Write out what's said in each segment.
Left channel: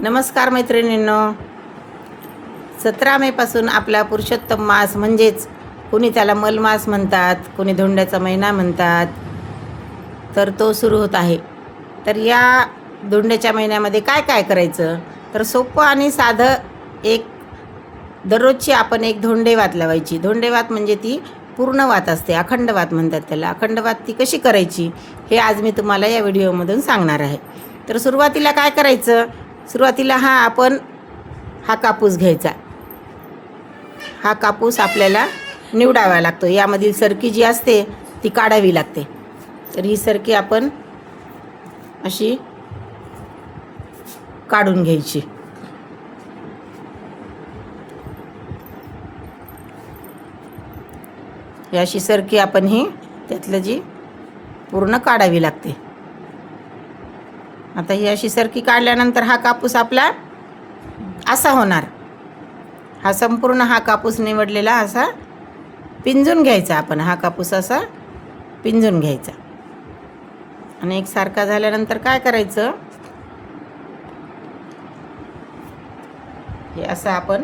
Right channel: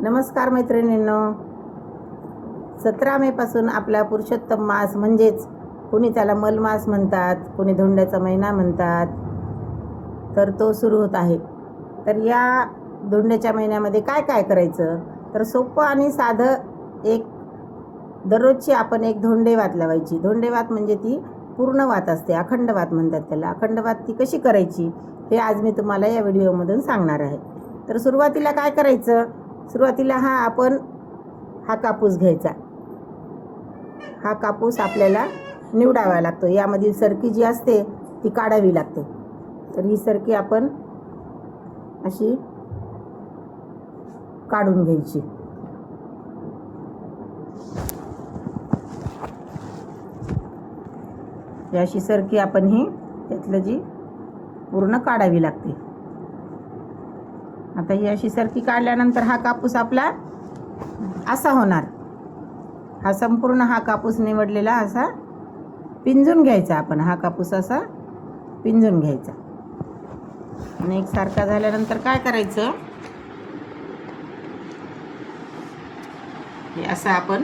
नमस्कार मैत्रिणींनो, 17 मेपासून आपला पुरुषोत्तम मास म्हणजेच कोणी त्याला मलमास म्हणतात, कोणी धोंड्याचा महिना म्हणतात, तर तो सुरू होत आहे. तर या धोंड्याच्या महिन्यामध्ये काय काय करायचं, तर सोपं आणि साधं एक दररोजची आपण एक धोंडेवात लावायची. धोंडेवात म्हणजे ती पूर्ण वात असते, अखंड वात म्हणतात त्याला. अखंड वात ती कशी करायची हे आज मी तुम्हाला या व्हिडिओमधून सांगणार आहे. तर सुरुवातीला काय करायचं, सुरुवातीला आपण हा कापूस घ्यायचा. हा कापूस आपल्याला निवडावा लागतो. यामधील सरकी जी असते ती काढावी लागते. तर ही सरकी आपण अशी काढून घ्यायची. अशी सरकी आपण ही त्यातलं जी पूर्ण काढावी लागते. आता ही अशी सरकी काढल्यानंतर हा कापूस आपला असा होणार. हा संपूर्ण हा कापूस निवडलेला असा पिंजून घ्यायचा. आपण हा कापूस असा पिंजून घ्यायचा आणि एकसारखा झाल्यानंतर काय करायचं, हे असा आपण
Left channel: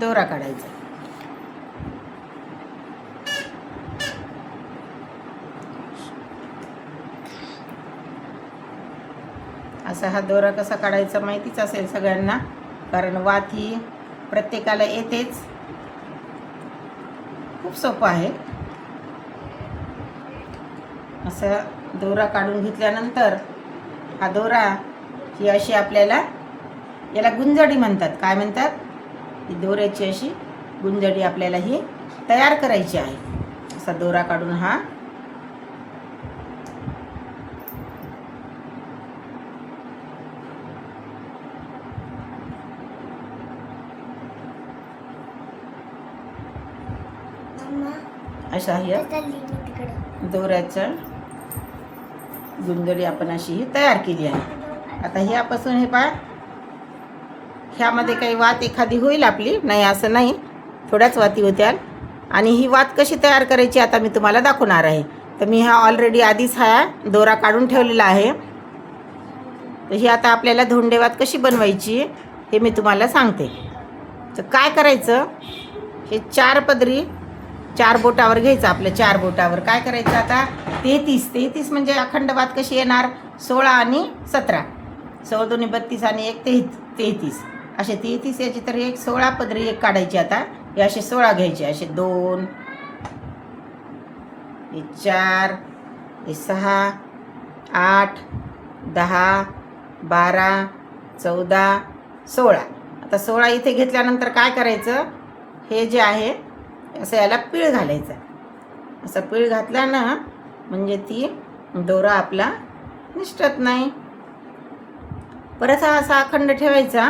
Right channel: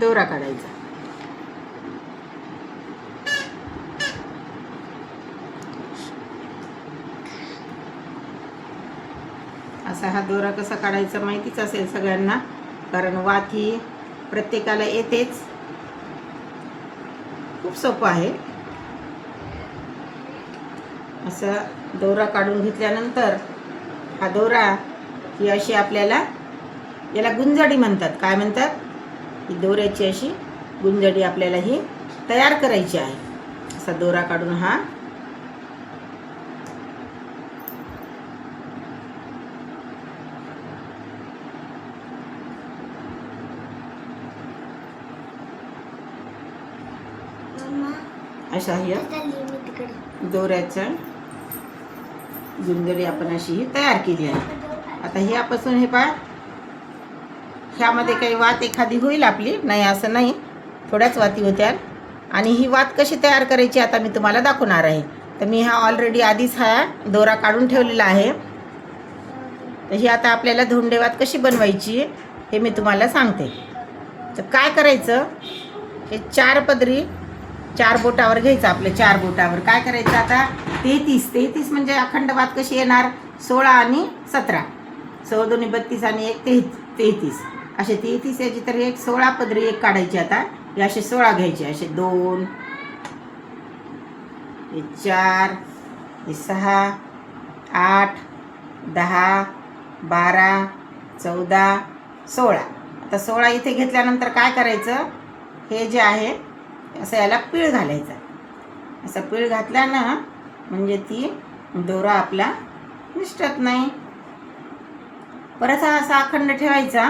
दोरा काढायचा. असा हा दोरा कसा काढायचा माहितीच असेल सगळ्यांना, कारण वात ही प्रत्येकाला येतेच. खूप सोपं आहे. असा दोरा काढून घेतल्यानंतर हा दोरा ही अशी आपल्याला, याला गुंजडी म्हणतात. काय म्हणतात, ही दोऱ्याची अशी गुंजडी आपल्याला ही तयार करायची आहे. असा दोरा काढून हा अशा ही दोऱ्याच्या गुंजडी आपण अशी ही तयार केली आहे. आता ह्यापासून हे पहा, ह्यामध्ये काही वात एखादी होईल आपली, नाही असं नाही, थोड्याच वाती होत्या. आणि ही वात कशी तयार करायची आता मी तुम्हाला दाखवणार आहे. तर मी हा ऑलरेडी आधीच हा दोरा काढून ठेवलेला आहे. तर ही आता आपल्याला धोंडेवात कशी बनवायची हे मी तुम्हाला सांगते. तर काय करायचं, हे 4 पदरी 4 बोटावर घ्यायचं. आपल्या 4 बोटावर काय करायचं, आता 33 म्हणजे अखंड वात कशी येणार, 16 आणि 17, 16 दोन्ही 32 आणि 1 33, असे 33 याची तर एक 16 पदरी एक काढायची. आता हे असे 16 घ्यायचे, असे 2, हे 4, हे 6, 8, 10, 12, 14, 16. आता 16 इथे घेतल्यानंतर काय करायचं, हे जे आहे असं याला पीळ घालायचा. असं पीळ घातला ना म्हणजे ती दोरा आपला निसटत नाही. परत हा असा अखंड ठेवायचा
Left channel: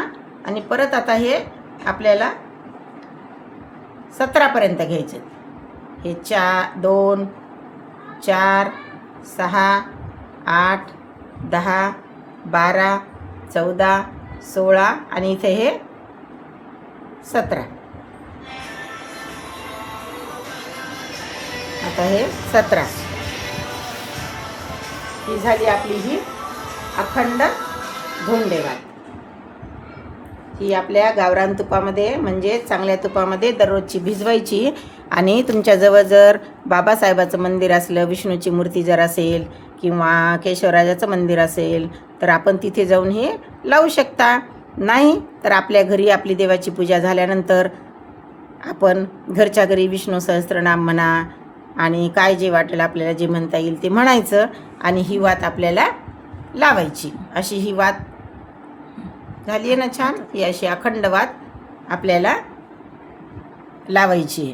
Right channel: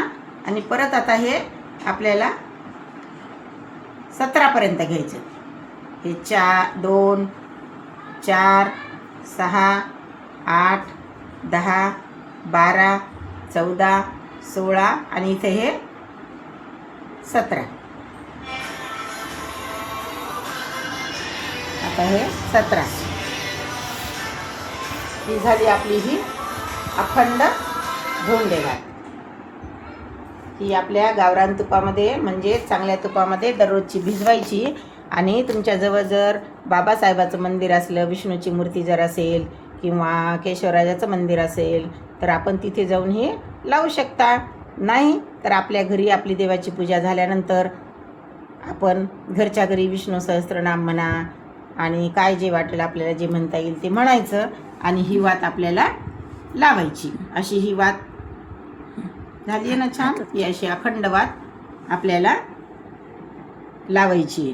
आणि परत आता हे आपल्याला 17 पर्यंत घ्यायचे. हे 2, 4, 6, 8, 10, 12, 14, 16 आणि इथे हे 17. आता हे 17 ही झाली आपली ही अखंड धोंडेवात. ही आपल्या गावरान तुपामध्ये म्हणजे चांगल्या तुपामध्ये दररोजची भिजवायची. आणि तुमच्याजवळ जर बाबासाहेबाचं मंदिर असलं, विष्णूची मूर्ती जर असेल किंवा केशवराजाचं मंदिर असेल तर आपण तिथे जाऊन हे लावू शकता. नाही तर आपल्या घरी आपली देवाची पूजा झाल्यानंतर आपण घरच्या घरी विष्णू सहस्त्रनाम म्हणा आणि काय जे वाटेल आपल्याला, जे म्हणता येईल ते म्हणायचं आणि ही वात आपल्याला लावायची. अशी ही वात झाली आहे ना छान. ही अशी अखंड वात आपल्याला लावायची.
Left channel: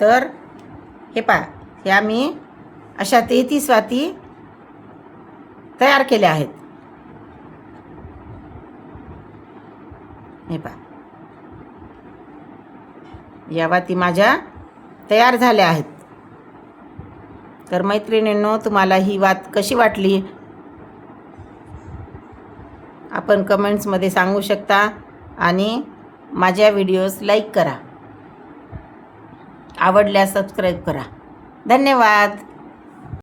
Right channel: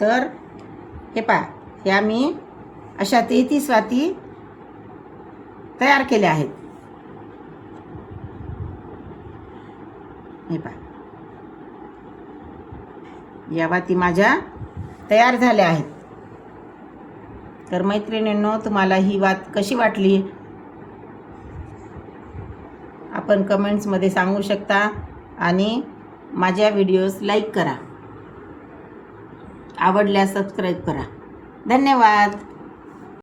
तर हे पहा, ह्या मी अशा 33 वाती तयार केल्या आहेत. हे पहा, या वाती माझ्या तयार झाल्या आहेत. तर मैत्रिणींनो, तुम्हाला ही वात कशी वाटली आपण कमेंट्समध्ये सांगू शकता आणि माझ्या व्हिडिओज लाईक करा, आवडल्यास सबस्क्राईब करा. धन्यवाद.